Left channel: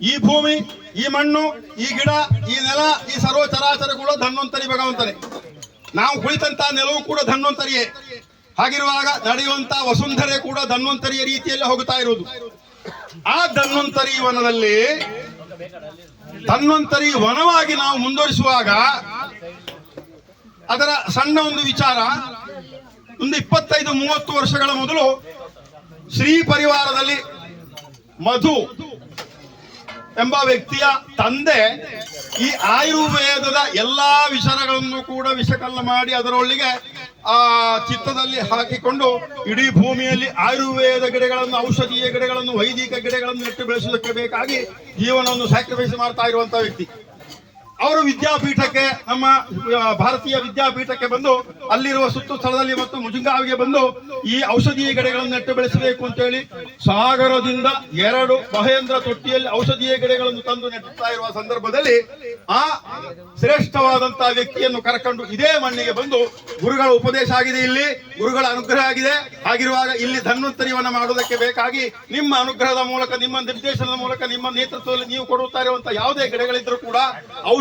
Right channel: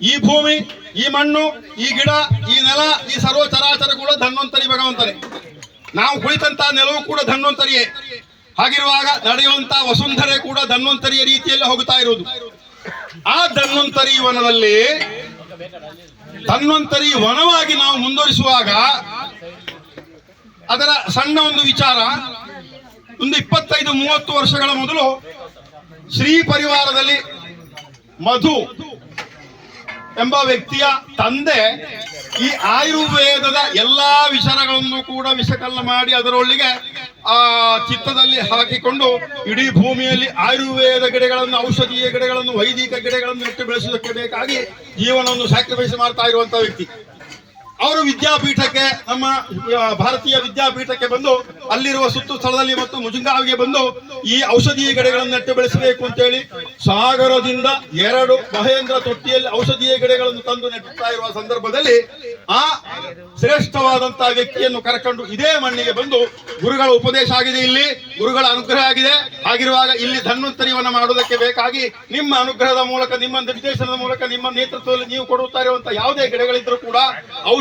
ಈ ಭೂಮಿ, ಈ ಮಣ್ಣು, ಈ ಗಿಡ, ಈ ನೆಲ, ಈ ಸರ್ವ ಚರಾಚರ ಕೂಡ ಧನ್ವಂತರಿ ಭಗವಂತನೆ. ನಾವು ಕುಳಿತಂತ ನೆಲವು ಕೂಡ ಧನ್ವಂತರಿಯೇ. ಹಾಗಿರುವಾಗ ನಡೆಯುವಂತ ವಸುಂಧರೆ ಕೂಡ ಧನ್ವಂತರಿಯ ರೀತಿಯಲ್ಲಿ ಹೋಗುತ್ತಾ ಇರುವುದು. ಆ ಧನ್ವಂತರಿ ವನದಲ್ಲಿ ಧನ್ವಂತರಿ ವನವಾಗಿ ನಾವು ಮುಂದುವರಿಸುವಾಗ ಅದರ ಸಣ್ಣ ಒಂದು ವಿಚಾರ, ಒಂದು ಇಪ್ಪತ್ತೈದು ಮೂವತ್ತು ವರ್ಷಗಳ ಮೊದಲು ಶ್ರೀ ಪರಿವಾರದಲ್ಲಿ ಮಧು ಎಂಬ ವ್ಯಕ್ತಿಯ ತಂದೆ ಈ ಆಯುರ್ವೇದದ ಎಲ್ಲಾ ವಿಚಾರಗಳನ್ನು ಕೂಡ ವಿಷಕಲ್ಲ ಮಾಡಿ ಅದರೊಳಗೆ ಆ ಚಿತ್ತದಲ್ಲಿ ಹಾಕಿಕೊಂಡು ಇಡೀ ಭೂಮಿಯಲ್ಲಿ ಆಯುರ್ವೇದ ಗಿಡಗಳನ್ನು, ಔಷಧೀಯ ಗಿಡಗಳನ್ನು, ವೈದಿಕ ಗಿಡಗಳನ್ನು ನೆಟ್ಟು ಬೆಳೆಸುವುದಕ್ಕೆ ಬೇಕಾಗಿ ಜೀವನವನ್ನು ಸ್ಯಾಕ್ರಿಫೈಸ್ ಮಾಡ್ತಾ ಇರುವಂತಹ ವ್ಯಕ್ತಿ. ಅವರು ವಿದ್ಯಾಪೀಠಕ್ಕೆ ನಮ್ಮ ಭಾರತೀಯ ವಿದ್ಯಾಪೀಠಕ್ಕೆ ಬಂದು, ಅಲ್ಲಿರುವ ಸುತ್ತು ಸ್ಥಳದಲ್ಲಿ ಮತ್ತು ಮುಜುಂಗಾವಿಗೆ ಬಂದು ಈ ಔಷಧೀಯ ಗಿಡಗಳನ್ನು ನೆಟ್ಟು ಬೆಳೆಸಬೇಕು ಅಂತೇಳಿ ಸಾಗರದಿಂದ ಎರಡು ಮಹೇಂದ್ರ ತೊಟ್ಟಿಯಲ್ಲಿ ಔಷಧೀಯ ಗಿಡಗಳನ್ನು ತಂದು ನೆಟ್ಟುತ್ತಾ ಇರುವ ಸಂದರ್ಭದಲ್ಲಿ ಆ ಶ್ರೇಷ್ಠವಾದಂತಹ ವ್ಯಕ್ತಿಯನ್ನು ಕರ್ಕೊಂಡು ಇದೇ ಮಣ್ಣಿಗೆ ಬಂದು ಗುರುಗಳ ಉಪದೇಶ ಆಗಿದೆ ಇಲ್ಲಿ, ಗುರುಗಳ ಅನುಗ್ರಹ ಆಗಿದೆ. ಆಗಿರುವಾಗ ಇಲ್ಲಿ ಧನ್ವಂತರಿಯನ್ನು ಮಾಡುವುದಕ್ಕೆ ಬೇಕಾಗಿ ನಿಮ್ಮ ಅನುಗ್ರಹದ ಮೂಲಕ, ನಿಮ್ಮ ನಿರ್ದೇಶನದ ಮೂಲಕ, ನಿಮ್ಮ ನೇತೃತ್ವದಲ್ಲಿ ನೀವು ಕೊಡುತ್ತಾ ಇರುವಂತಹ ಯಾವುದೇ ಗಿಡಗಳಿದ್ರೂ ಕೂಡ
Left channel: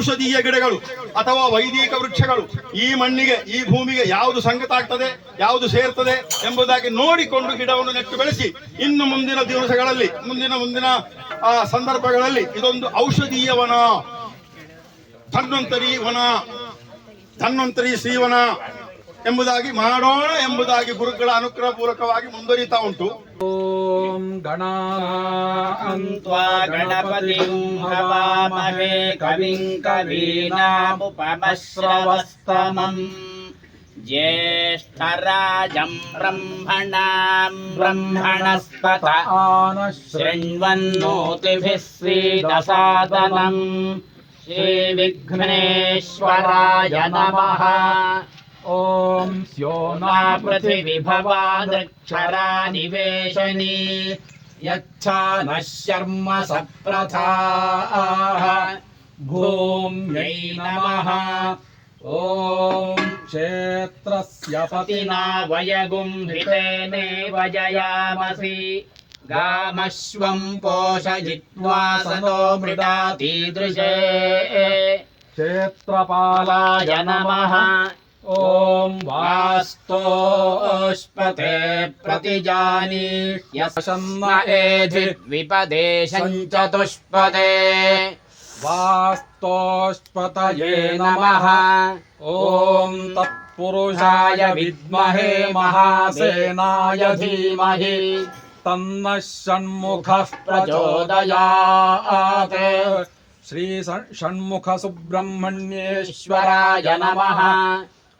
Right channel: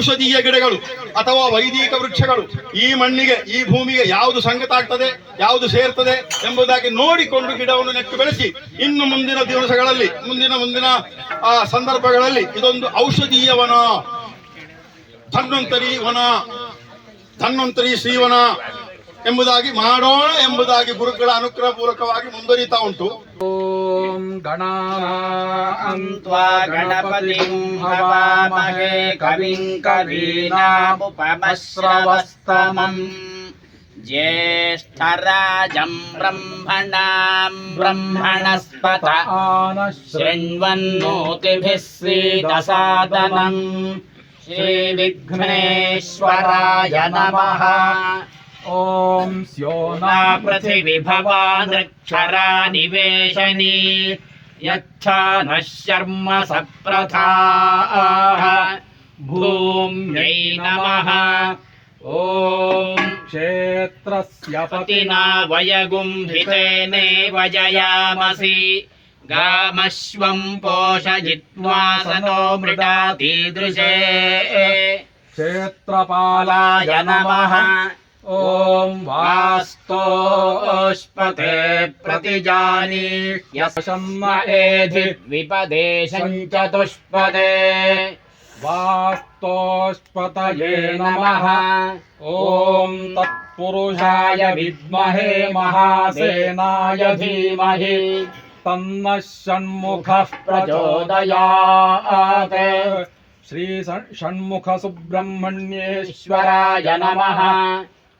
ಔಷಧೀಯ ಗಿಡಗಳು ಅಥವಾ ವೈದಿಕ ವೃಕ್ಷಗಳು ಈ ಮಣ್ಣಿಗೆ, ಈ ಭೂಮಿಗೆ ಯಾವುದು ಸಂಗತ ಆಗ್ತದೆ ಯಾವುದು ಸೇರ್ತದೆ ಎಂಬುದಾಗಿ ನೋಡಿಕೊಂಡು ಗಿಡವನ್ನು ನೆಟ್ಟು ಬೆಳೆಸಿ, ಇನ್ನು ಮುಂದಿನ ದಿವಸಗಳಲ್ಲಿ, ಮುಂದಿನ ಮುಂದಿನ ಸಂದರ್ಭಗಳಲ್ಲಿ ಇದೊಂದು ಔಷಧೀಯ ವನ. ಧನ್ವಂತರಿ ವನ, ಧನ್ವಂತರಿ ಶ್ರೀವನ ಎಂಬುದಾಗಿ ಮಾಡೋಣ ಎಂಬುದಾಗಿ ಗುರುಗಳ ಅನುಗ್ರಹ ಪೂರ್ವಕವಾಗಿ ಮುಂದುವರಿತಾ ಉಂಟು. ॐ गणानां त्वा गणपतिं हवामहे कविं कवीनामुपमश्रवस्तमम् ज्येष्ठराजं ब्रह्मणां ब्रह्मणस्पत शृण्वन्नोतिभिः श्रीदसादनम् श्रीविघ्नेश्वराय नमः ॐ स्यो मा पृथिविभवादक्षरा निवेशनी यच्छा नः शर्म सप्रथाः भूम्यै नमः। ॐ क्षेत्रस्य पतिना वयगुम्भितेनेव जयामसि। गामश्वं पोषयित्वा सनो मृडातीदृशे क्षेत्रपालाय पालाय नमः। ॐ वास्तोष्पते प्रतिजानीह्यसन्न एधिर्विपदेशं चतुष्पदे वास्तोष्पतये नमः। ॐ तत्पुरुषाय विद्महे महासेनाय धीमहि। तन्नः षण्मुखः प्रचोदयात्। श्री षण्मुखसुब्रह्मण्येश्वराय ईश्वराय नमः।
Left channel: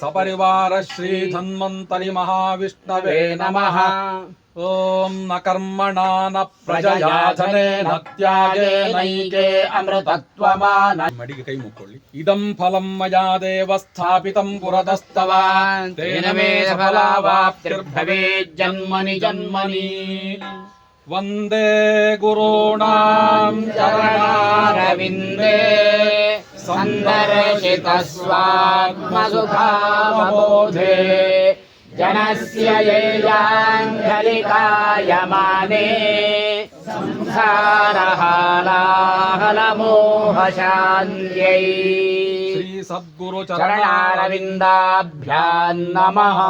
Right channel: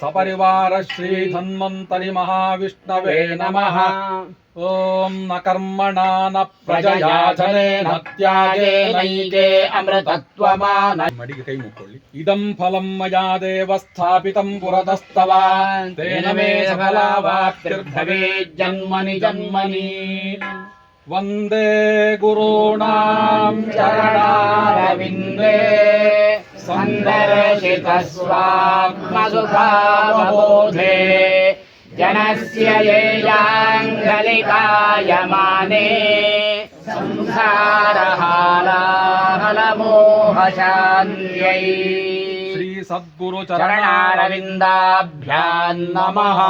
సపరివార శ్రీ ధన్వంతరి మహావిష్ణవే నమ. ఓం న కర్మణా న ప్రజయాచనే న త్యాగే నైకే అమృతత్వమాన. మడికి కై జన్మని జన్మని. वन्दे गुरूणां चरणारविन्दे सन्दर्शितस्वात्मसुखावबोधे जनस्य ये याङ्गलिकायमाने संसारहालाहलमोहशान्त्यै श्रीसद्गुरुचरणारविन्दाभ्यां नमः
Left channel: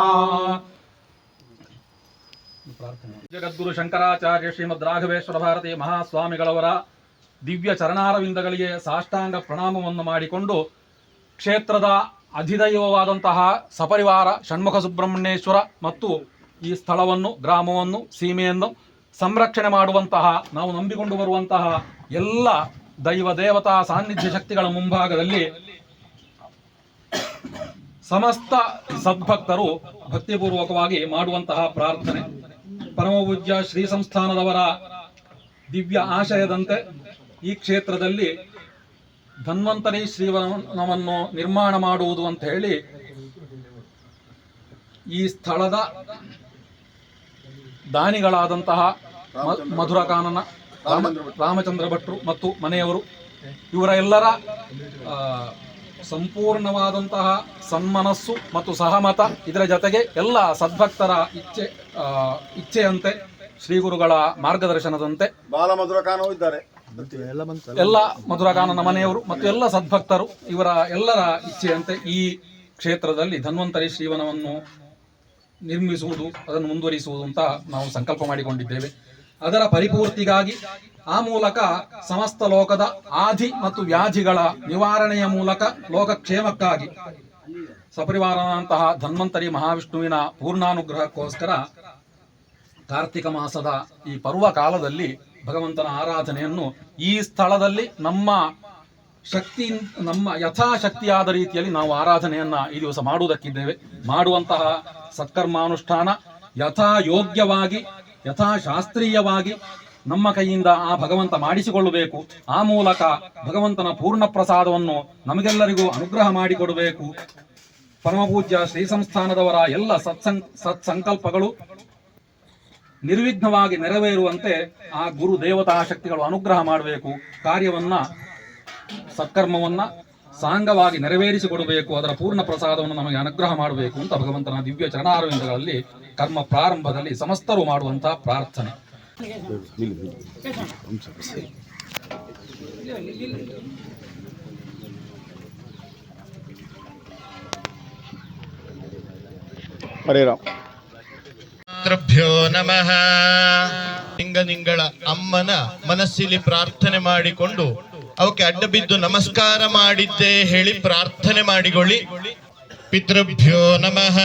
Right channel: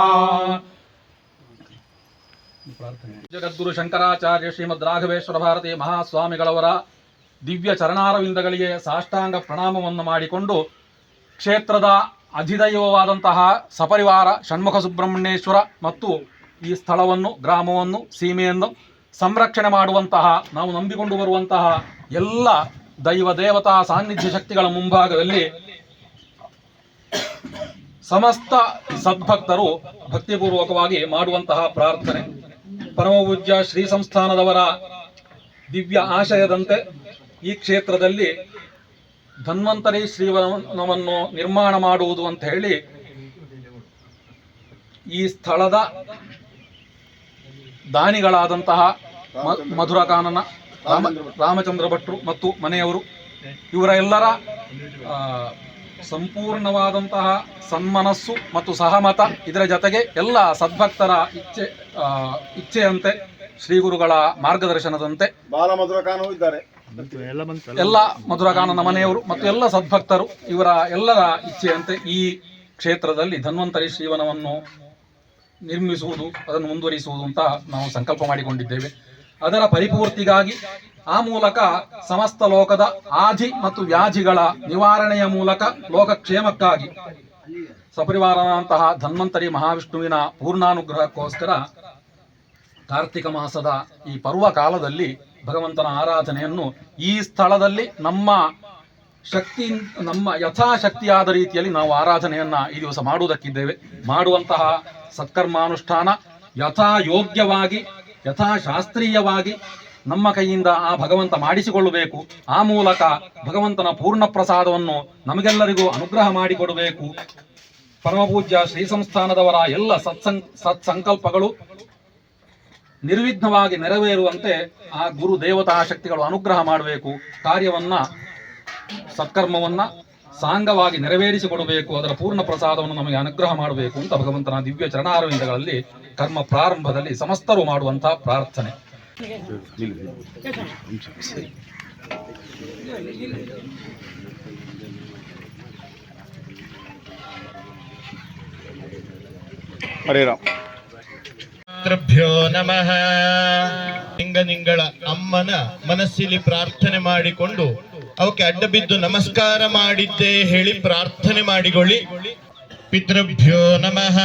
ಜಗದ್ಗುರು ಶಂಕರಾಚಾರ್ಯ ಶ್ರೀಮದ್ ರಾಘವೇಶ್ವರ ಭಾರತಿ ಮಹಾಸ್ವಾಮಿಗಳವರ ದಿವ್ಯ ಚರಣಾರವಿಂದಗಳಿಗೆ ಸಾಷ್ಟಾಂಗ ಪ್ರಣಾಮವನ್ನು ಮಾಡಿಕೊಂಡು ಕ್ಷೇತ್ರದ ಅಧಿದೈವವಾದಂತಹ ಸಪರಿವಾರ ಷಣ್ಮುಖ ಸುಬ್ರಹ್ಮಣ್ಯೇಶ್ವರ ಮತ್ತು ಈ ಸ್ಥಳವನ್ನು, ಗ್ರಾಮವನ್ನು, ಸೀಮೆಯನ್ನು ಸಂರಕ್ಷಣೆ ಮಾಡುವಂತಹ, ನಾವು ನಂಬಿಕೊಂಡು ಬರುವಂತಹ ಎಲ್ಲ ದೈವ ದೇವತಾ ಸಾನ್ನಿಧ್ಯ ಶಕ್ತಿಗಳ ಮುಂಭಾಗದಲ್ಲಿ ಸಮಸ್ತ ಸದ್ಭಕ್ತರು ಭಕ್ತಿಪೂರ್ವಕವಾಗಿ ಮಾಡುವಂತಹ ಪ್ರಾರ್ಥನೆ. ಪರಮಪೂಜ್ಯ ಶ್ರೀ ಸಂಸ್ಥಾನದವರ ದಿವ್ಯ ಆಶಯದಂತೆ ಈ ಕ್ಷೇತ್ರದಲ್ಲಿ ಧನ್ವಂತರಿ ಶ್ರೀವನವನ್ನು ನಿರ್ಮಾಣ ಮಾಡುವುದು ಅಂತ ಹೇಳಿ ಈ ಸ್ಥಳದ ದಾನಿಗಳಾದಂತಹ ಮಧುರಕಾನನ ರಾಮ ರಾಮಚಂದ್ರ ಭಟ್ರು ಮತ್ತು ಮನೆಯವರು ಇವರ ಎಲ್ಲರ ಸಂಪೂರ್ಣವಾದಂತಹ ಸನ್ಮನಸ್ಸು ಮತ್ತು ಸಹಮತ ಇದರ ಜೊತೆಗೆ ಎಲ್ಲ ಸದ್ಭಕ್ತರ ಇಚ್ಛೆ ಇಚ್ಛೆಯಂತೆ ಶ್ರೀ ಗುರುಗಳ ಮಾರ್ಗದರ್ಶನದಂತೆ ಬಾಲ ಮಧುರಕಾನೂ ಇದ್ದಾರೆ. ಎಲ್ಲ ಮಧುರಗಾನನ ಮನೆಯವರು ಮತ್ತು ಎಲ್ಲ ಸದ್ಭಕ್ತರು ಇವರ ಎಲ್ಲರ ಇಚ್ಛೆಯಂತೆ ಈ ಕ್ಷೇತ್ರದಲ್ಲಿ ಧನ್ವಂತರಿ ಶ್ರೀವನವನ್ನು ನಿರ್ಮಿಸುವುದು ಅದನ್ನು ಮುಂದುವರಿಸುವುದು ಅಂತ ನಾವು ಸಂಕಲ್ಪ ಮಾಡಿಕೊಂಡಿದ್ದೇವೆ. ಅದರ ಪರಿಪೂರ್ತಿಗಾಗಿ ಆ ಮೂಲಕ ಸಮಸ್ತ ಲೋಕದ ಆಧಿ ಮತ್ತು ವ್ಯಾಧಿಗಳ ನಿವಾರಣೆಯ ಮೂಲಕ ಲೋಕಕ್ಷೇಮಕ್ಕಾಗಿ ಸಪರಿವಾರನಂತಹ ಧನ್ವಂತರಿ ಮಹಾವಿಷ್ಣುವಿನ ಪೂರ್ಣಾನುಗ್ರಹಕ್ಕೋಸ್ಕರ ಕಾರ್ತಿಕ ಮಾಸದ ಈ ಪರ್ವ ಕಾಲದಲ್ಲಿ ಭಗವಂತನ ಆರಾಧನೆಯನ್ನು ಈ ಸ್ಥಳದಲ್ಲಿ ನಮ್ಮ ಶಕ್ತಿ, ನಮ್ಮ ಯಥಾಶಕ್ತಿಯಾದ ರೀತಿಯಲ್ಲಿ ನಾವು ಆರಾಧನೆಯನ್ನ ಈ ದಿವಸ ಮಾಡುವುದಕ್ಕಿದ್ದೇವೆ. ಮಾಡುವಂತಹ ಸತ್ಕರ್ಮಾನುಷ್ಠಾನ ಯಥಾ ಯೋಗ್ಯವಾಗಿ ಯಥಾಶಾಸ್ತ್ರೀಯವಾಗಿ ನಮ್ಮ ಕೈಯಿಂದ ಆ ಭಗವಂತ ಮಾಡಿಸಿಕೊಳ್ಳಬೇಕು. ಆ ಮೂಲಕ ಭಗವಂತನ ಪೂರ್ಣ ಪ್ರಸಾದವನ್ನು ನಮಗೆಲ್ಲರಿಗೂ ಅನುಗ್ರಹ ಮಾಡಿಕೊಡಬೇಕು. ಪರಮಪೂಜ್ಯ ಶ್ರೀ ಸಂಸ್ಥಾನದವರ ಎಲ್ಲ ಸತ್ಸಂ, ಸತ್ಸಂಕಲ್ಪಗಳು ನಿರ್ವಿಘ್ನವಾಗಿ ನೆರವೇರುವಂತೆ ಆ ಗುರು ದೇವತಾ ಶಕ್ತಿಗಳು ಅನುಗ್ರಹ ಮಾಡಬೇಕು. ಕಾರ್ಯವನ್ನ, ಸತ್ಕರ್ಮವನ್ನ ಸಾಂಗವಾಗಿ ನೆರವೇರಿಸಿಕೊಡಬೇಕು. ಅದರ ಪೂರ್ಣ ಪ್ರಸಾದವನ್ನು ನಮಗೆ ಅನುಗ್ರಹ ಮಾಡಬೇಕು ಅಂತ ಭಗವಂತನ ದಿವ್ಯ ಚರಣಾರವಿಂದಗಳಲ್ಲಿ ಕರ್ಮ ಪ್ರಾರಂಭದಲ್ಲಿ ಸಮಸ್ತರು ಮಾಡುವಂತಹ ಪ್ರಾರ್ಥನೆ. ಹರೇ ರಾಮ್. ಮಾತೃಭ್ಯೋ ನಮಃ. ನಿಂಗಳ ಅಮ್ಮನ ಮನಸ್ಸಿಲಿ ಪ್ರಾರ್ಥನೆ ಮಾಡಿಕೊಂಡು ಅವಕ್ಕೆ ಅಡ್ಡ ಬಿದ್ದು ನಮಸ್ಕಾರ ಮಾಡಿದ್ದೆ ಹೇಳಿ ಪ್ರಾರ್ಥನೆ ಮಾಡಿಕೊಳ್ಳಿ. ಪಿತೃಭ್ಯೋ ನಮಃ.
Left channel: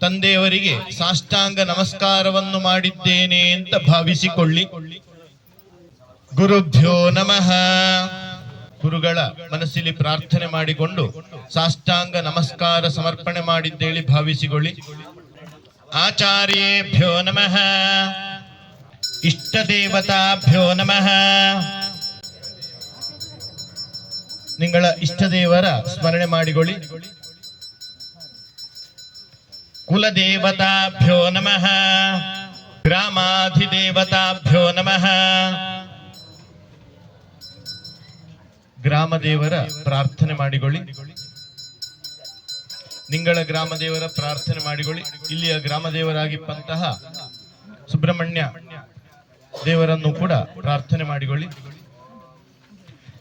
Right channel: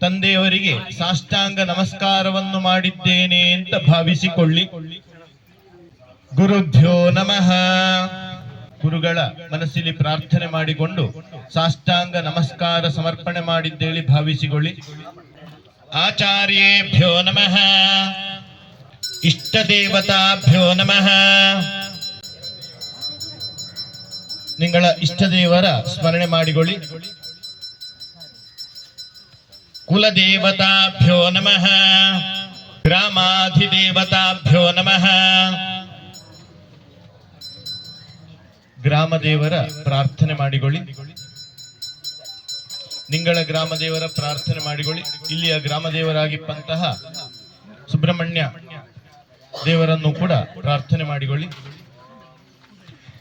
ತಂದೆಯವರಿಗೆ ಸಾಷ್ಟಾಂಗ ನಮಸ್ಕಾರವನ್ನು ಮಾಡಿದ್ದೇನೆ ಅಂತ ಭಾವಿಸಿಕೊಳ್ಳಿ. ಗುರುಭ್ಯೋ ನಮಃ. ಗುರುಗಳ ಮನಸ್ಸಿನಲ್ಲಿ ಪ್ರಾರ್ಥನೆ ಮಾಡಿಕೊಂಡು ಸಾಷ್ಟಾಂಗ ನಮಸ್ಕಾರ ಸಮರ್ಪಣೆ ಮಾಡಿದ್ದೇಳಿ ಭಾವಿಸಿಕೊಳ್ಳಿ. ಆಚಾರ್ಯೇಭ್ಯೋ ನಮಃ. ಇಷ್ಟ ದೇವತಾಭ್ಯೋ ನಮಃ. ನಿಂಗಳ ಇಷ್ಟದೇವರ ಸ್ಮರಣೆ ಮಾಡಿಕೊಳ್ಳಿ. ಕುಲದೇವತಾಭ್ಯೋ ನಮಃ. ಗ್ರಾಮಾಧಿದೇವತಾಭ್ಯೋ ನಮಃ. ಗ್ರಾಮದೇವರ ಪ್ರಾರ್ಥನೆ ಮಾಡಿಕೊಳ್ಳಿ. ನಿಂಗಳ ಗ್ರಾಮದೇವರ ಪ್ರಾರ್ಥನೆ ಮಾಡಿಕೊಳ್ಳಿ. ಇಲ್ಲಿಯ ಗ್ರಾಮದೇವರಾಗಿಪ್ಪಂತಹ ಸುಬ್ರಹ್ಮಣ್ಯ ದೇವರನ್ನು ಕೂಡ ಪ್ರಾರ್ಥನೆ ಮಾಡಿಕೊಳ್ಳಿ.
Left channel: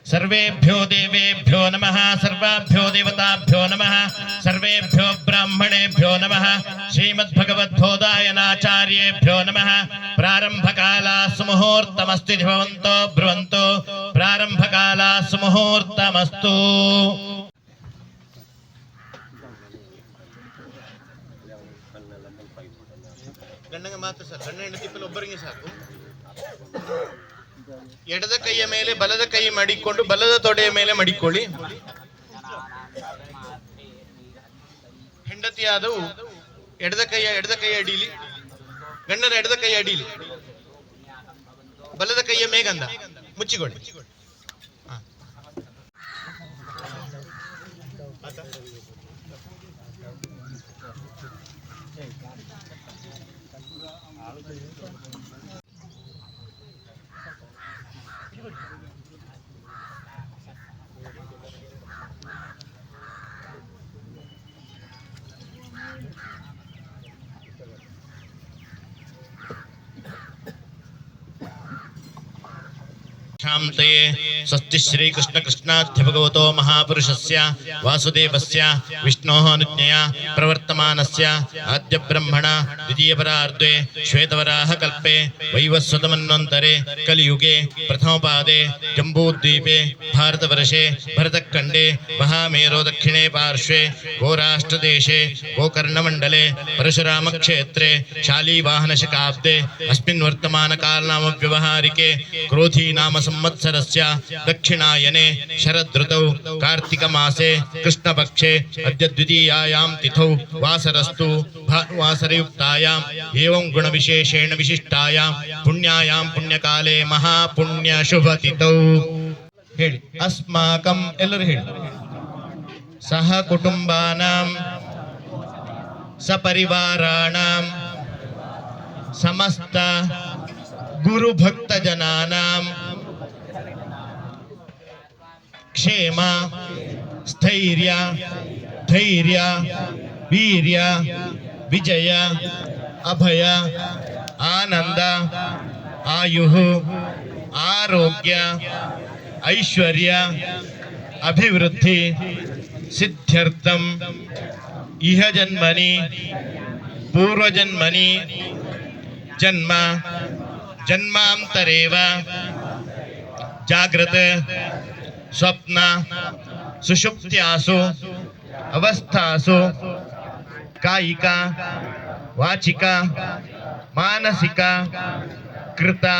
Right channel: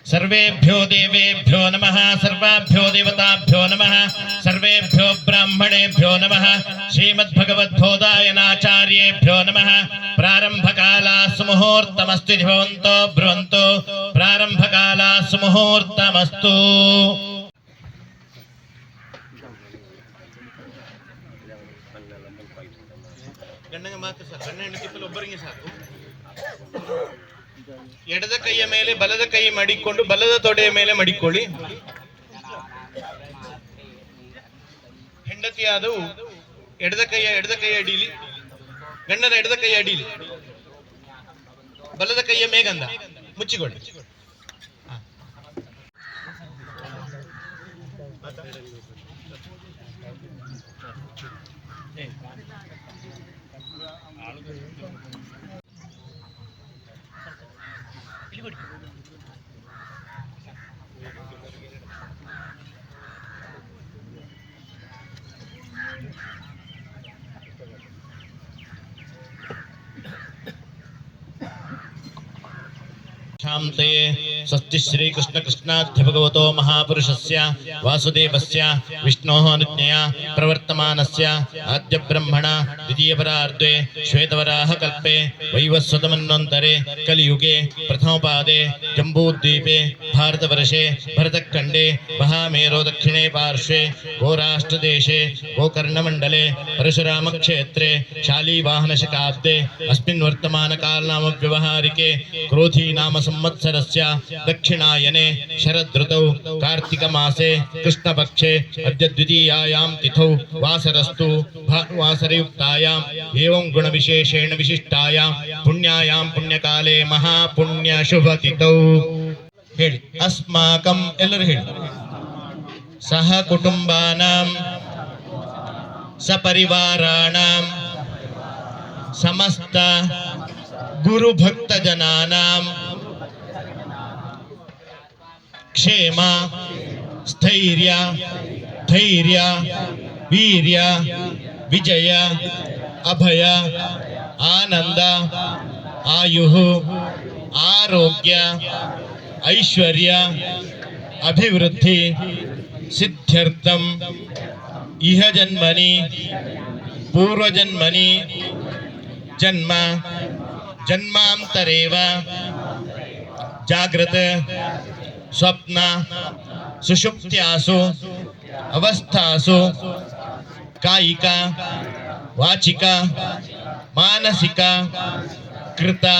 ಸರ್ವೇಭ್ಯೋ ದೇವೇಭ್ಯೋ ನಮಃ ಸರ್ವಾಭ್ಯೋ ದೇವತಾಭ್ಯೋ ನಮಃ ಸರ್ವೇಭ್ಯೋ ಬ್ರಾಹ್ಮಣೇಭ್ಯೋ ನಮಃ ಶ್ರೀಮದ್ಭಗವದ್ಬೋಧಾಯನಾಚಾರ್ಯೇಭ್ಯೋ ನಮಃ ಪ್ರಾರಂಭಕಾಲ ಸುಮುಹೂರ್ತಮಸ್ತು ಭವಂತೋ ಬ್ರುವಂತೋ ಪ್ರಾರಂಭಕಾಲ ಸುಮುಹೂರ್ತಮಸ್ತು ಗಂಡಗೆ ಮಾತ್ರ ಸರ್ ಗಂಡ ಹೆಂಡತಿ ಒಬ್ಬರಿಗೆ ಸಾಕು ಎಡದ ಕೈಯ ಮೇಲೆ, ಬಲದ ಕೈ ಮಡಿಕೊಂಡು, ಬಲದ ತೊಡೆಯ ಮೇಲೆ ಮಡಿಕೊಳ್ಳಿ. ಹೆಂಡತಿಯಾದವು, ಎಡದ ಕೈಯ, ಎಡದ ಕೈ ಅಡೀಲಿ. ಗಂಡನ ಎಡದ ಕೈ ಅಡೀಲಿ. ಬಲದ ಕೈಯ ಮೇಗಂದ ಮುಚ್ಚಿಕೊಳ್ಳಿ. शान्तये स्वस्ति श्रीकृष्ण कृष्णाध्य भगवतो महापुरुषस्य वासुदेवस्य विष्णोः अनुज्ञया प्रवर्तमानस्य आद्य ब्रह्मण द्वितीयपरार्धे श्वेतवराह कल्पे वैवस्वतमन्वन्तरे कलियुगे प्रथमपादे जम्बूद्वीपे भारतवर्षे भरतखण्डे महामेरो दक्षिणे पार्श्वे गोराष्ट्रदेशे गोकर्णमण्डले परशुरामक्षेत्रे शालीवाहनशकाब्दे वर्तमानकालनामव्यवहारिके क्रोधी नाम संवत्सरस्य दक्षिणायने शरदृतौ कार्तिकमासे कृष्णपक्षे अद्य द्वितीयायां तिथौ वासरस्तु भानुवासरयुक्तायाम् एवं गुणविशेषेण विशिष्टायां पुण्यायां पुण्यकाले महापुण्यशुभतिथौ ಹೇಳಿ ಅಸ್ಮಾಕಂ ಎಲ್ಲರೂ ಹೇಳಿ ಸಹ ಕುಟುಂಬಾನಾಂ ಸಪರಿವಾರಾಣಾಂ ಸಮಸ್ತ ಗುರುಭಕ್ತ ಜನಾನಾಂ ಕ್ಷೇಮ ಸ್ಥೈರ್ಯ ಧೈರ್ಯ ವೀರ್ಯ ವಿಜಯ ಅಭಯ ಆನಂದ ಆಯು ಆರೋಗ್ಯ ಐಶ್ವರ್ಯ ಅಭಿವೃದ್ಧಿ ಸಿದ್ಧ್ಯರ್ಥಂ ಇಹ ಜನ್ಮನಿ ಪೂರ್ವಜನ್ಮನಿ ಜನ್ಮ ಜನ್ಮಾಂತರೇವ ಜಾಗೃತ स्वप्न, सुषुप्त्यासु, अवस्थासु, कायिका, वाचिका, मानसिका, कृता,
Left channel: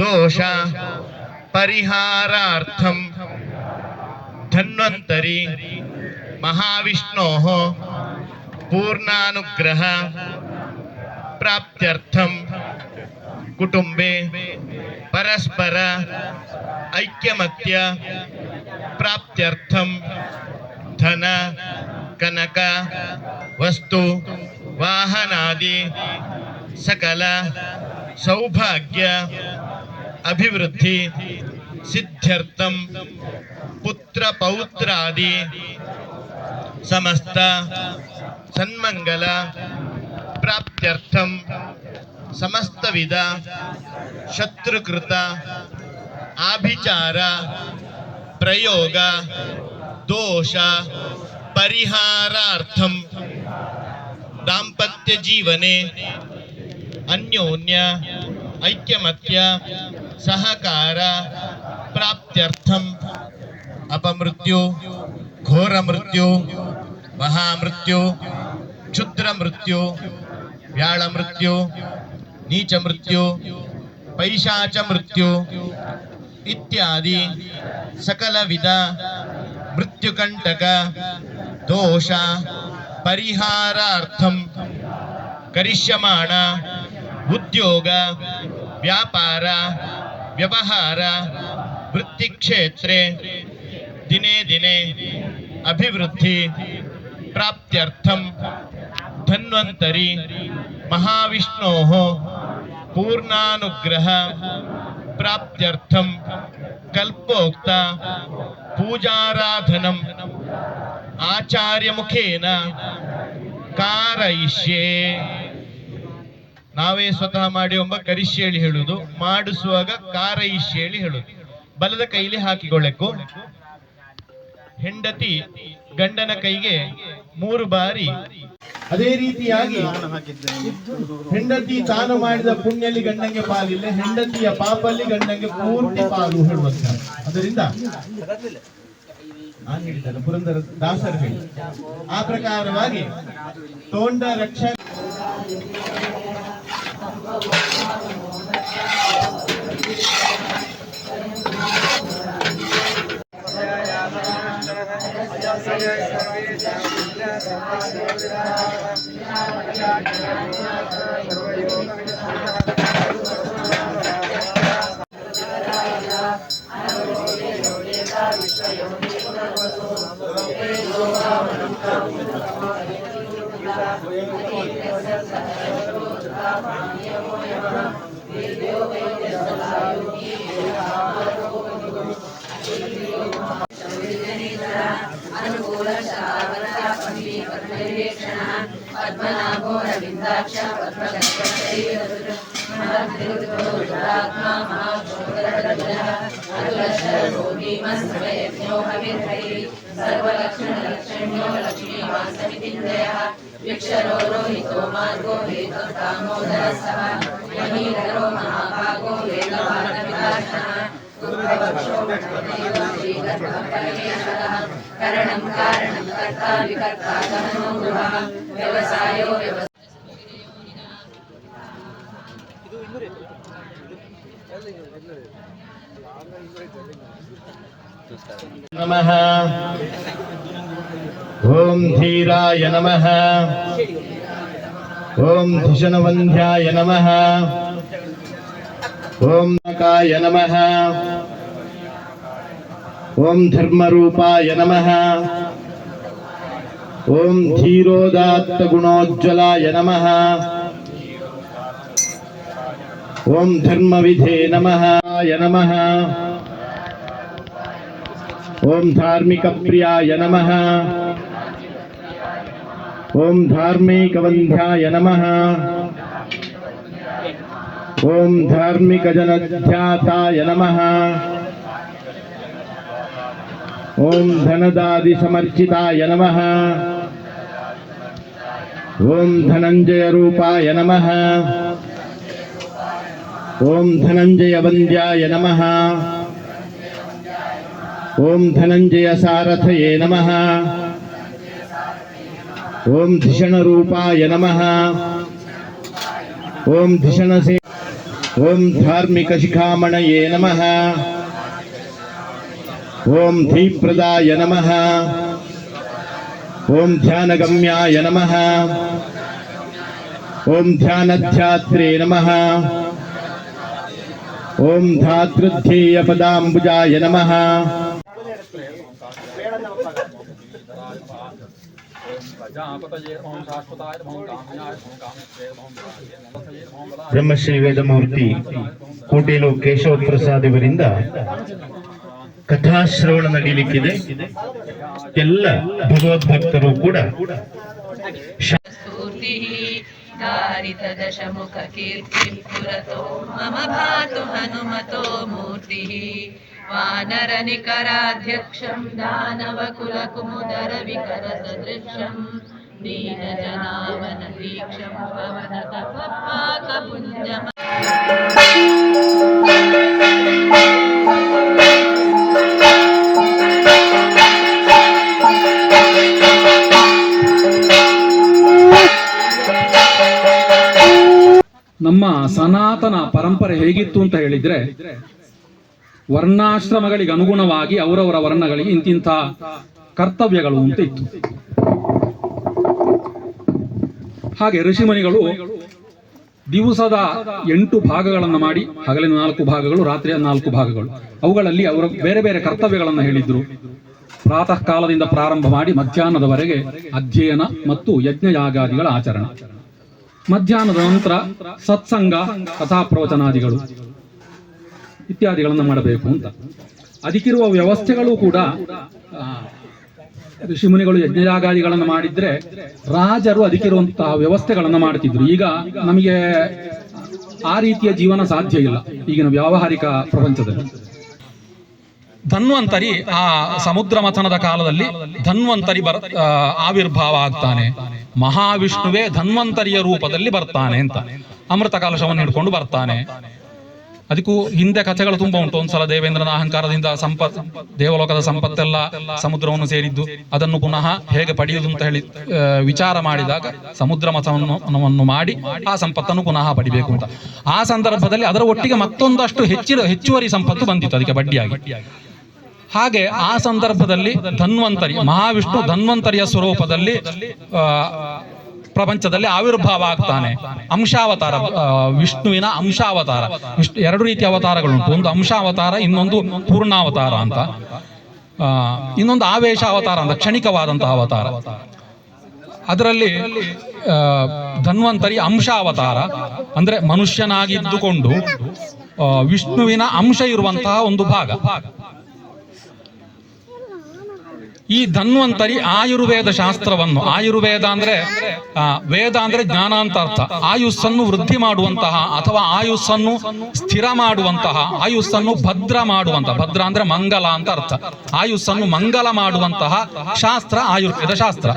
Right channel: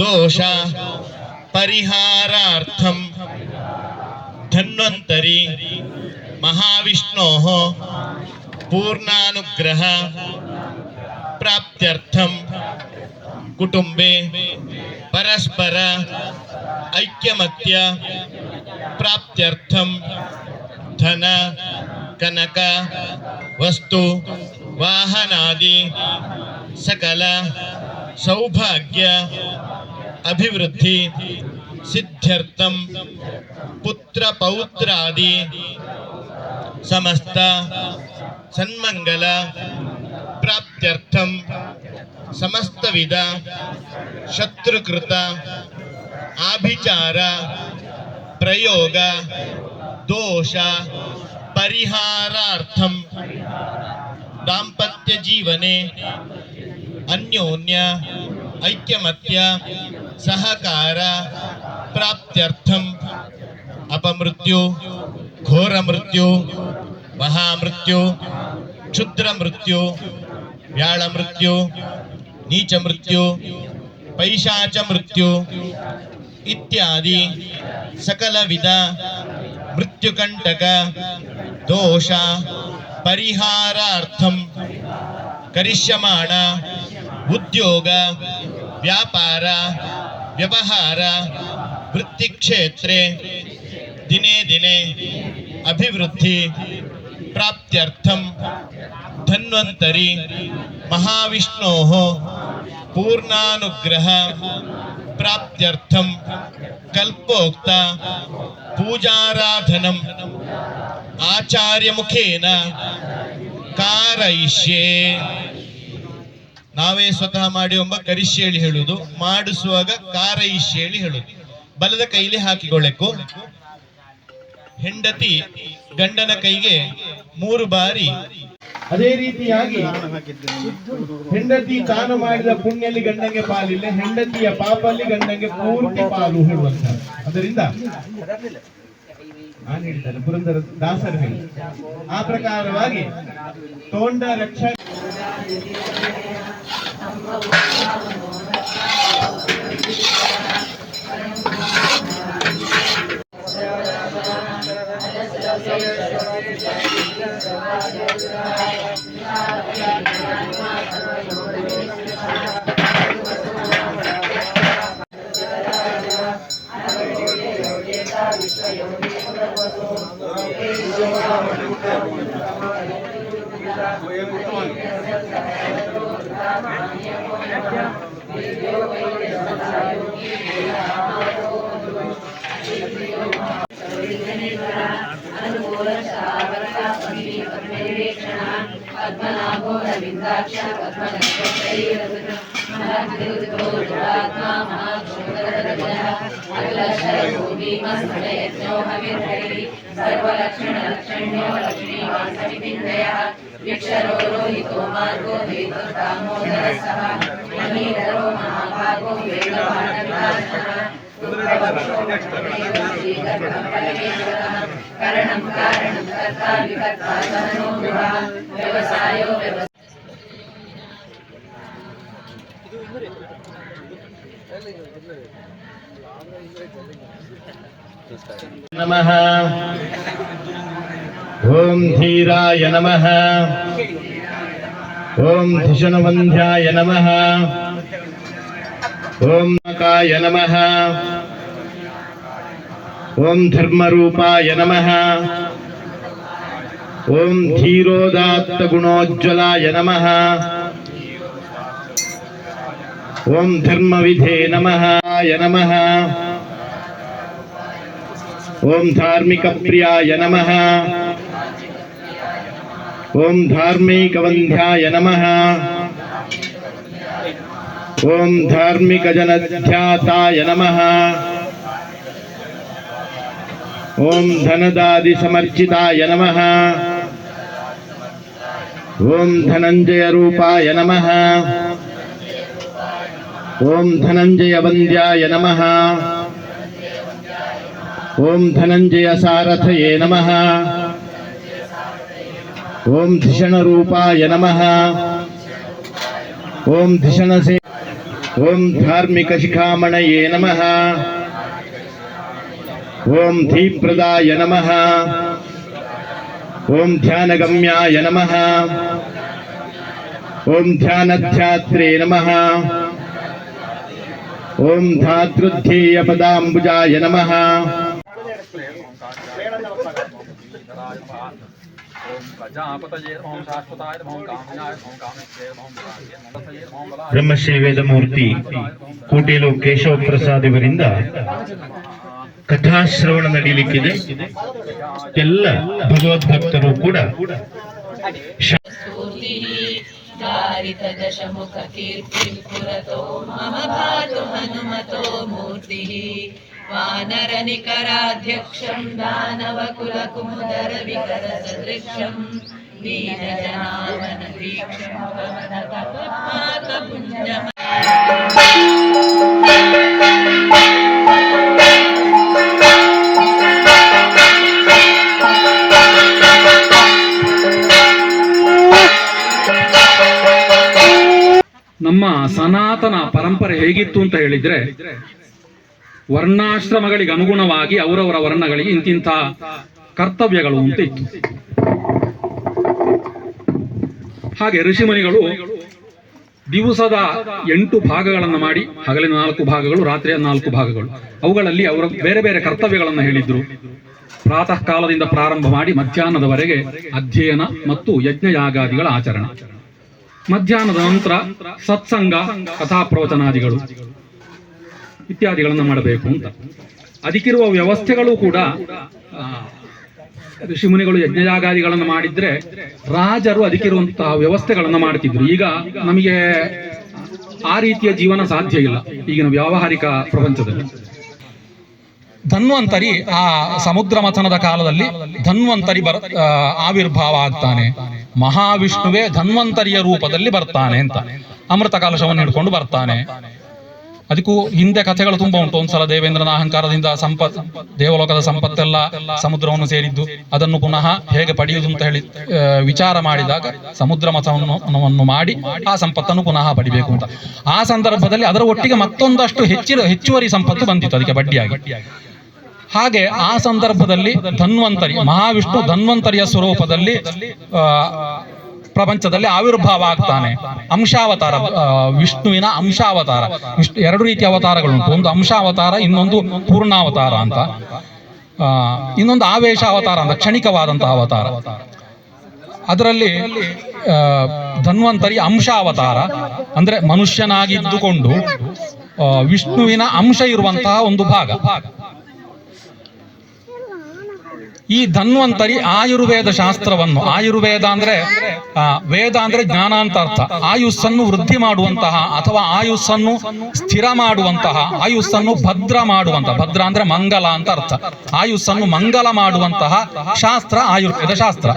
दोषा, परिहारार्थम धन्वंतरी महाविष्णो, पूर्णानुग्रह, प्राप्त्यर्थम कुटुंबे परस्पर ಐಕ್ಯಮತ್ಯ ಪ್ರಾಪ್ತ್ಯರ್ಥಂ ಧನ ಕನಕ ವಸ್ತು ವಾಹನಾದಿ ಸಕಲ ಸೌಭಾಗ್ಯ ಅಭಿವೃದ್ಧಿ ಸಿದ್ಧ್ಯರ್ಥಂ ಪುತ್ರ ಪೌತ್ರಾದಿ ಸಮಸ್ತ ಸನ್ಮಂಗಲ ಪ್ರಾಪ್ತ್ಯರ್ಥಂ ಸಮಸ್ತವಿಧ ಶತ್ರುಕೃತ ಆಭಿಚಾರ ಪ್ರಯೋಗ ದೋಷ ಪರಿಹಾರಾರ್ಥಂ ದಾಂಪತ್ಯ ಜೀವನೆ ಅನ್ಯೋನ್ಯ ಐಕ್ಯಮತ್ಯ ಸಹಕಾರ ಪ್ರಾಪ್ತ್ಯರ್ಥಂ ಅಪಮೃತ್ಯು ಘೋರ ಮೃತ್ಯು ಮಹಾಮೃತ್ಯು ಕ್ಷುದ್ರ ಮೃತ್ಯು ವ್ಯಾಳ ಮೃತ್ಯು ನೀಚ ಮೃತ್ಯು ಪೈಶಾಚ ಮೃತ್ಯು ಇತ್ಯಾದಿ ಸಕಲ ವಿಧ ಮೃತ್ಯುಕಂಟಕ ದೋಷ ಪರಿಹಾರಾರ್ಥಂ ಕರಿಷ್ಯಮಾಣ ಉದ್ಯೋಗ ವ್ಯಾಪಾರ ವ್ಯವಹಾರ ವೃತ್ತಿಕ್ಷೇತ್ರೆ ದಿನೇ ದಿನೇ ಅಭಿವೃದ್ಧಿ ಪ್ರಾಪ್ತ್ಯರ್ಥಂ ಧನ್ವಂತರಿ ಮಹಾವಿಷ್ಣೋ ಪೂರ್ಣಾನುಗ್ರಹ ಪ್ರಾಪ್ತ್ಯರ್ಥಂ ಕಲ್ಪೋಕ್ತ ಪೂಜಾರಾಧನಂ ಆಚಾರ್ಯ ಮುಖೇನ ಕಾರಯಿಷ್ಯೆ ನಾವೇ ಸ್ವತಃ ಮಾಡಿ ಒಬ್ಬ ಕರಿಷ್ಯೇಳಿ ಹೇಳುದು, ಮಾಡಿಸುವಾಗ ಕಾರೈಷ್ಯೇಳಿ ಹೇಳಿ ಹೇಳುದು, ಬಲದ ಕೈಲಿ ಹಾಕಿಕೊಳ್ಳೆಕ್ಕು ಹೆಂಡತಿ ಗಂಡನ ಕೈಗೆ ಮೂರು ಬಾರಿ. ಅದೇ ರೀತಿಯಾಗಿ ಹೆಂಡತಿ ತಾನು ಮಾಡಿದ ಪುಣ್ಯಲ್ಲಿ ಗಂಡಂಗೆ ಪಾಲಿಲ್ಲ, ಹೆಂಡತಿಯ ಪಾಪಲ್ಲಿ ಗಂಡಂಗೆ ಪೂರ್ತಿ ಪಾಲು ಹೇಳುವಂತ ಅದರಿಂದ ನಾನು ಹೇಳ್ತೇನೆ ಪುರಂದರ ದಾಸರು ಹೇಳಿ. ಆ ಪ್ರಕಾರವಾಗಿ ತೋಂಡ ರಕ್ಷ विघ्नेश्वर अनुकूल श्रावक समी पद्मनिरीक्षण पद्मनाभो रविन्द्राक्ष पद्मलक्षत्रैरत्मा महाक्षोदरः अखिलशरो भीमस्फुटयज्ञो हविर्हैः सर्वलक्षणलक्षण्यो लक्ष्मीवासविपिण्डयः वृक्षरो रोहितो मार्गो हेतो दामोदरसः महीधरो महाभागो वेदवानविनाशः కరణం కారణం కర్త వికర్త కరణో వ్యవసాయో వ్యవసాయ नमः ॐ धीराय नमः ॐ धिषणवन्ध्याय नमः ओम नकाय नमः। ओम धर्मरूपाय नमः। ओम धीरोदात्त गुणोज्ज्वलाय नमः। ओम धर्मविधे नमः। य नमः। ओम धार्मिक नमः। ओम धार्मिक नमः। ओम धार्मिक जन जनध्याताय नम। ओम धनदादि समर्चिताय नम। ओम धनंजय रूपाय नम। ओम धनंजय वंद्याय नम। ओम धनंजय सारथये नम। ओम धिषण रूपाय नम। ओम धिषण से ओम धार्मिक शिखामणये नमः। ओम धीप्रदाय नमः। ओम ध्यानगम्याय नमः। ओम ध्यानध्यात्रे नमः। ओम धातृध्येयपदाम्बुजाय नमः। ಬ್ರಹ್ಮಶ್ರೀ ವೇದಮೂರ್ತಿ ಕೋಟೇಲು ಕೇಶವ ಪ್ರಸಾದ್ ಇವರಿಂದ ಕಥಾಶ್ರವಣ ನಡೀಲಿಕ್ಕಿದೆ. ಎಲ್ಲ ಭಗವದ್ಭಕ್ತರು ಕೂಡ ದಾರಿತದಶಮುಖ ಕೀರ್ತಿ ಪುರತೋ ಮಮ ಭಾತು ಹನುಮತೋ ಮೂರ್ತಿ. मम भातु हनुमतो मूर्तिः वानरनिकराध्यक्षम् दानवकुलकुमुदरविकरसदृक्षम् नीलजनावनदीक्षम् पवनतपपाकपुञ्जम् ನಮ್ಮ ಸನಾತನ ಪರಂಪರೆ ಹೇಗಿತ್ತು ಅಂತ ಹೇಳಿದ್ರೆ ವರ್ಣಾಶ್ರಮಗಳಿಗೆ ಅನುಗುಣವಾಗಿ ಅವರವರ ವರ್ಣಗಳಿಗೆ ಇಂತಿಂಥ ಕರ್ತವ್ಯಗಳು ಅಂತ ಇತ್ತು. ಹಾಗೆ ಋಷಿಮುನಿಗಳು ದಿವಸದ ಎಂಟು ಭಾಗಗಳನ್ನು ಮಾಡಿ, ಹಗಲಿನ ನಾಲ್ಕು ಭಾಗಗಳು, ರಾತ್ರಿಯ ನಾಲ್ಕು ಭಾಗಗಳು, ಅವುಗಳಲ್ಲಿ ಅವರ ಬೇರೆ ಬೇರೆ ಕರ್ತವ್ಯಗಳನ್ನು ಹೇಳಿದ್ರು. ಪ್ರಾತಃ ಕಾಲದಿಂದ ಪ್ರಾರಂಭ ಮಾಡಿ ಮಧ್ಯಾಹ್ನದವರೆಗೆ ಅಧ್ಯಯನ ಮತ್ತು ಯಜ್ಞಯಾಗಾದಿಗಳ ಆಚರಣೆ. ಮಧ್ಯಾಹ್ನದ ನಂತರ ಸತ್ಸಂಗ ಕಥಾ ಪ್ರವಚನಾದಿಗಳು ಇತ್ಯಾದಿಗಳನ್ನು ಮಾಡಬೇಕು ಅಂತ. ಅದಕ್ಕಿರುವ ವ್ಯವಸ್ಥೆಗಳು ಕೂಡ ಋಷಿಮುನಿಗಳು ಯಜ್ಞಯಾಗಾದಿಗಳನ್ನು ಮಾಡಿದ್ರೆ ರಾಜರು ಅದಕ್ಕಿರುವಂತಹ ವ್ಯವಸ್ಥೆಗಳನ್ನು ಮಾಡ್ತಿದ್ರು. ಈಗ ನಮಗೆ ಆ ರೀತಿಯ ಜೀವನ ಸಾಧ್ಯ ಇಲ್ಲ ಈಗಿನ ವ್ಯಾವಹಾರಿಕ ಪ್ರಪಂಚದಲ್ಲಿ. ಧನ್ವಂತರಿ ಆ ಸಮುದ್ರ ಮಥನದ ಕಾಲದಲ್ಲಿ ಧನ್ವಂತರಿ ಬರ್ ಆವಿರ್ಭಾವ ಆಗ್ತಾನೆ. ಮಹಾವಿಷ್ಣುವೇ ಧನ್ವಂತರಿಯ ರೂಪದಲ್ಲಿ ಬರ್ತಾನೆ ಅಂತ ಅಮೃತ ಕಲಶವನ್ನು ಹಿಡ್ಕೊಂಡು ಬರ್ತಾನೆ. ಅದಕ್ಕೂ ಹಿಂದೆ ಕಥೆಗಳು ತುಂಬಾ ಉಂಟು. ಒಂದ್ಸಲ ದೇವೇಂದ್ರನ ಅಹಂಕಾರದಿಂದ ಸಂಪತ್, ದೇವಲೋಕದ ಸಂಪತ್ತೆಲ್ಲ ಸಮುದ್ರವನ್ನು ಸೇರಿದ್ದು, ಅದನ್ನು ಪುನಃ ಹೇಗೆ ಪಡೆಯುವುದು ಅಂತ ಹೇಳಿ ವಿಚಾರ ಮಾಡಿದಾಗ ಸಮುದ್ರ ಮತವನ್ನು ಮಾಡಿ ಆ ಸಂಪತ್ತನ್ನು ಪುನಃ ಪಡಿಬೇಕು ಅಂತ. ಆ ಸಂದರ್ಭದಲ್ಲಿ ಅದರ ಒಟ್ಟಿಗೆ ಮತ್ತೊಂದಷ್ಟು ಹೆಚ್ಚಿನ ಹೆಚ್ಚುವರಿ ಸಂಪತ್ತು ಬಂದಿತ್ತು ಅದಕ್ಕೆ ಬಡ್ಡಿಯಾಗಿ. ಹಾಗೆ ಆ ಸಂದರ್ಭದಲ್ಲಿ ಧನ್ವಂತರಿ, ಮಹಾವಿಷ್ಣು ಧನ್ವಂತರಿಯ ಸ್ವರೂಪದಲ್ಲಿ ಪ್ರಪಂಚದಲ್ಲಿ ಆವಿರ್ಭಾವ ಆಗ್ತಾನೆ. ಅಂಶಾವತಾರ ವಿಷ್ಣುವಿನ ಅಂಶಾವತಾರ. ವಿಷ್ಣು ಎರಡು ರೀತಿಯ ಅವತಾರಗಳುಂಟು. ಒಂದು ಅಂಶಾವತಾರ, ಇನ್ನೊಂದು ಪೂರ್ಣಾವತಾರ ಅಂತ. ಇನ್ನೊಂದು ಆವೇಶ ಅವತಾರ ಅಂತ, ಕ್ಷಣಿಕವಾದಂತಹ ಅವತಾರ. ಅದರಲ್ಲಿ ಧನ್ವಂತರಿ ಅಂಶ ಅವತಾರ ಅಂದ್ರೆ ಮನುಷ್ಯನಾಗಿದ್ದುಕೊಂಡು ವಿಷ್ಣುವಿನ ಅಂಶ ಇರುವಂತಹ ಒಂದು ಭಾಗ. ಈ ಧನ್ವಂತರಿ ಆಯುರ್ವೇದ ಶಾಸ್ತ್ರವನ್ನು. ಆಯುರ್ವೇದ ಅಂದ್ರೆ ವೇದ ಅಂದ್ರೆ ಜ್ಞಾನ ಅಂತ ಅರ್ಥ. ಆಯುಸ್ಸನ್ನು ವೃದ್ಧಿ ಮಾಡುವಂತಹ ಅಥವಾ ಆಯುಸ್ಸನ್ನು ಸ್ಥಿರ ಮಾಡುವಂತಹ, ಆಯುಸ್ಸನ್ನು ಭದ್ರ ಮಾಡುವಂತಹ. ಭದ್ರ ಅಂದ್ರೆ ಮಂಗಲ ಅಂತ ಅರ್ಥ. ಆಯುಸ್ಸನ್ನು ಮಂಗಲ ಮಾಡುವಂತಹ ಶಾಸ್ತ್ರ, ಆಯುರ್ವೇದ ಶಾಸ್ತ್ರ.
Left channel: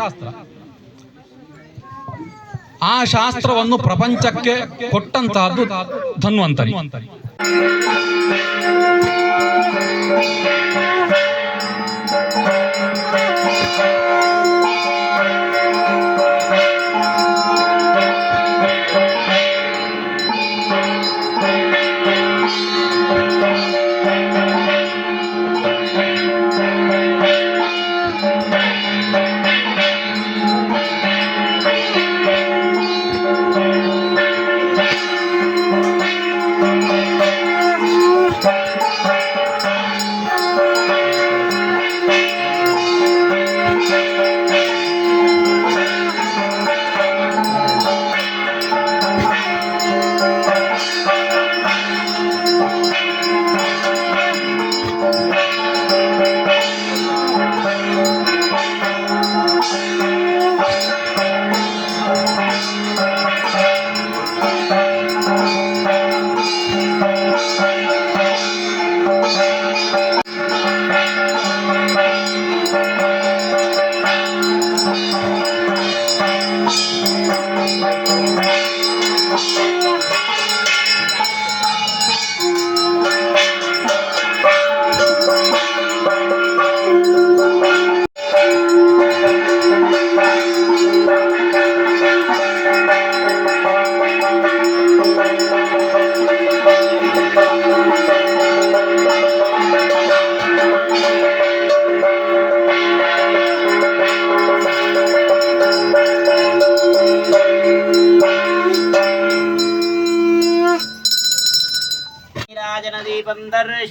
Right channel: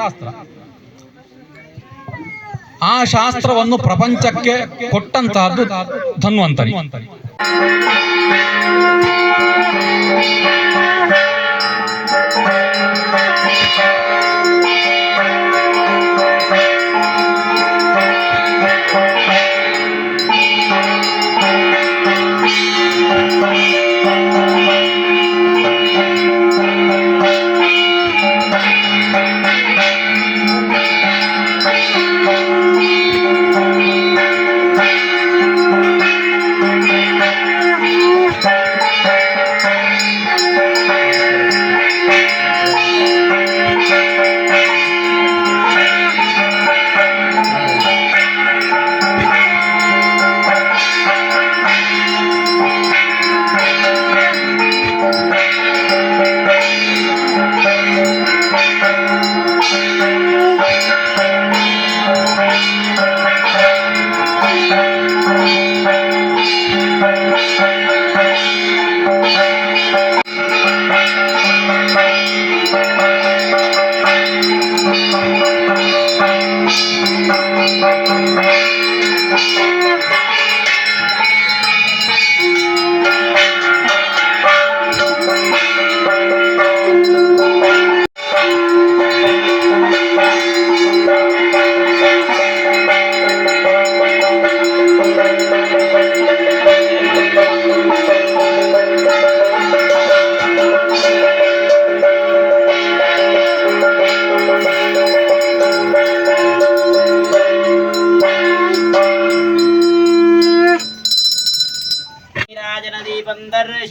ಆ ಶಾಸ್ತ್ರವನ್ನು ಪ್ರಪಂಚಕ್ಕೆ ಕೊಟ್ಟಂತಹದ್ದು ಧನ್ವಂತರಿ.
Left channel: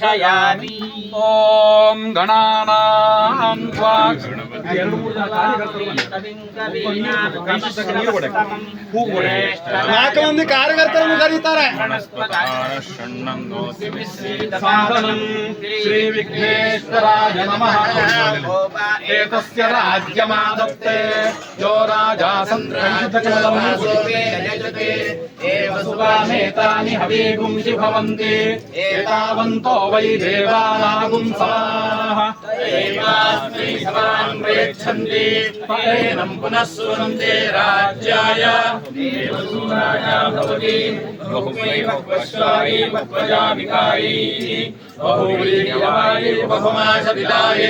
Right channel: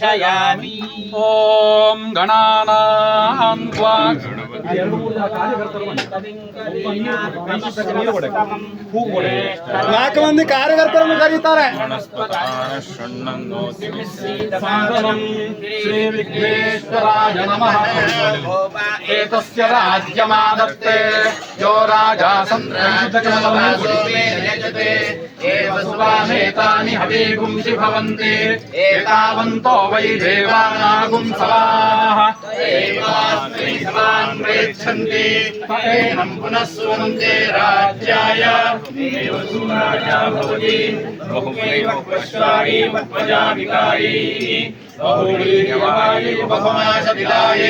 ತ್ವಂ ದರ್ಶಯಾಮಿ ಓಂ ಗಣಾನಾಂ ತ್ವಾ ಎರಡು ಮೂರು ಜನ ಕಾರ್ಯಕರ್ತರು ಬನ್ನಿ. ನಾಲ್ಕು ಮಂದಿ ಕಾರ್ಯಕರ್ತರನ್ನು ಕರೀತಾರೆ ಸಾಧನಂ ಶ್ರೀ ವಿಘ್ನೇಶ್ವರಾಯ ನಮಃ ಏತಸ್ಯ ರಾಜ್ಯಮಾದತ್ತೆ ಯೋ ರಾಜ सर्वानेतानि हवीगुंसि भवन्ति एतावन्तो वै देवानागुं समाः दैवास्मै समान् प्रयच्छन्ति फलेनम् पुनः सुवन्ते राज्याय भवति बहुमैव क्वश्वारी पद्मजाभिकारी बहुवीर्यवायि बहुमाशविलायै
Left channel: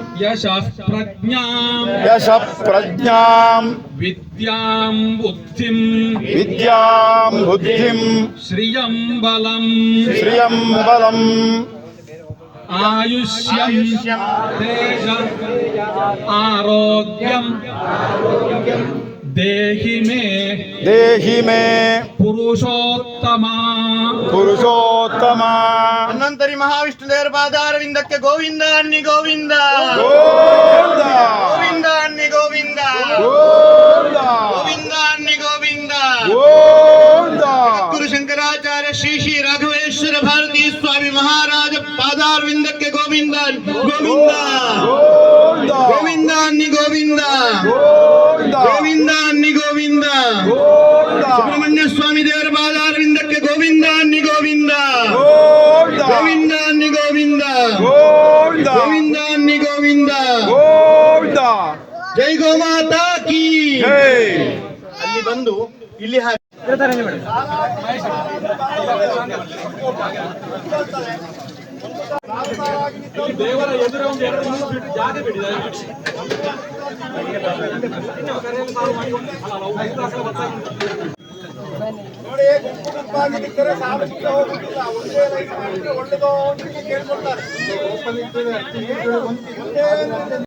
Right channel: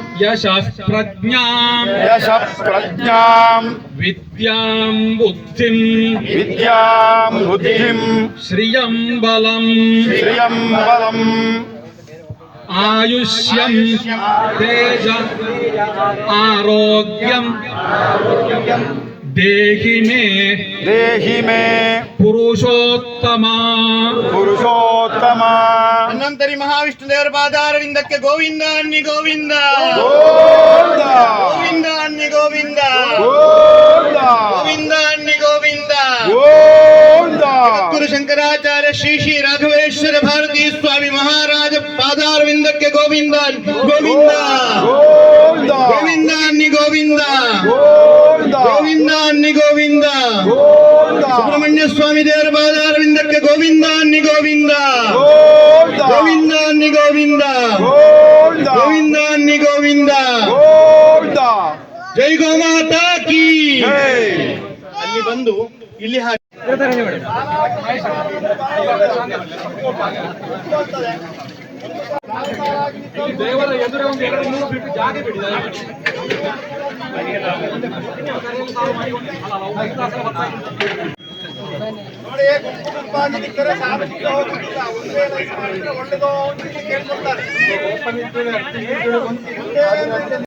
యశః ప్రజ్ఞాం యశః ప్రజ్ఞాం విద్యాం బుద్ధిం విద్యాం బుద్ధిం శ్రియం బలం శ్రియం బలం ఆయుష్యం తేజ ఆరోగ్యం దేహి మే దేహి మే పురుషోత్తమ పురుషోత్తమ ಧನ್ವಂತರಿ ಮಹಾವಿಷ್ಣು ದೇವರ ಪಾದಾರವಿಂದಕ್ಕೆ ಗೋವಿಂದ ಅನ್ನಿ ಗೋವಿಂದ ಗೋವಿಂದ ಗೋವಿಂದ ಅನ್ನಿ ಗೋವಿಂದ ಗೋವಿಂದ ಗೋವಿಂದ ಅನ್ನಿ ಗೋವಿಂದ ಗೋವಿಂದ ಗುರು ಶಂಕರಾಚಾರ್ಯ ಶ್ರೀ ಶ್ರೀ ರಾಘವೇಶ್ವರ ಭಾರತೀ ಸ್ವಾಮಿ ಮಹಾರಾಜ ಪಾದಾರವಿಂದಕ್ಕೆ ಗೋವಿಂದ ಗೋವಿಂದ ಗೋವಿಂದ ಗೋವಿಂದ ಅನ್ನಿ ಗೋವಿಂದ ಗೋವಿಂದ ಗೋವಿಂದ ಅನ್ನಿ ಗೋವಿಂದ ಗೋವಿಂದ ಸುಬ್ರಹ್ಮಣ್ಯ ಸ್ವಾಮಿ ದೇವರ ಪಾದಾರವಿಂದಕ್ಕೆ ಗೋವಿಂದ ಅನ್ನಿ ಗೋವಿಂದ ಗೋವಿಂದ ಅನ್ನಿ ಗೋವಿಂದ. ಗೋವಿಂದ. ಗೋವಿಂದ ಅನ್ನಿ ಗೋವಿಂದ. ಗೋವಿಂದ. ಜೈ ಗೋಮಾತಾ ಕಿ. ಜೈ. ಅಲ್ಲಿ ಬಂದು ಇಲ್ಲಿ ಹಾಕಿ. ದೇವರ ಎದುರೇ ಒಂದು ಎರಡು ಮೂರು ಫೀಟ್ ಜಾಗ ನೋಡಿ ಕುಟುಂಬವಾಗಿ ನಿಕ್ಕರೆ ಸಾರ್ವಜನಿಕ ಹೋಗುತ್ತಿಲ್ಲ. ಒಂದೇ ರೈತ ಮಾಡಿದ್ರೆ ಒಳ್ಳೆದೋ ಅಂತ ಕೇಳ್ಕೊಳ್ತಾರೆ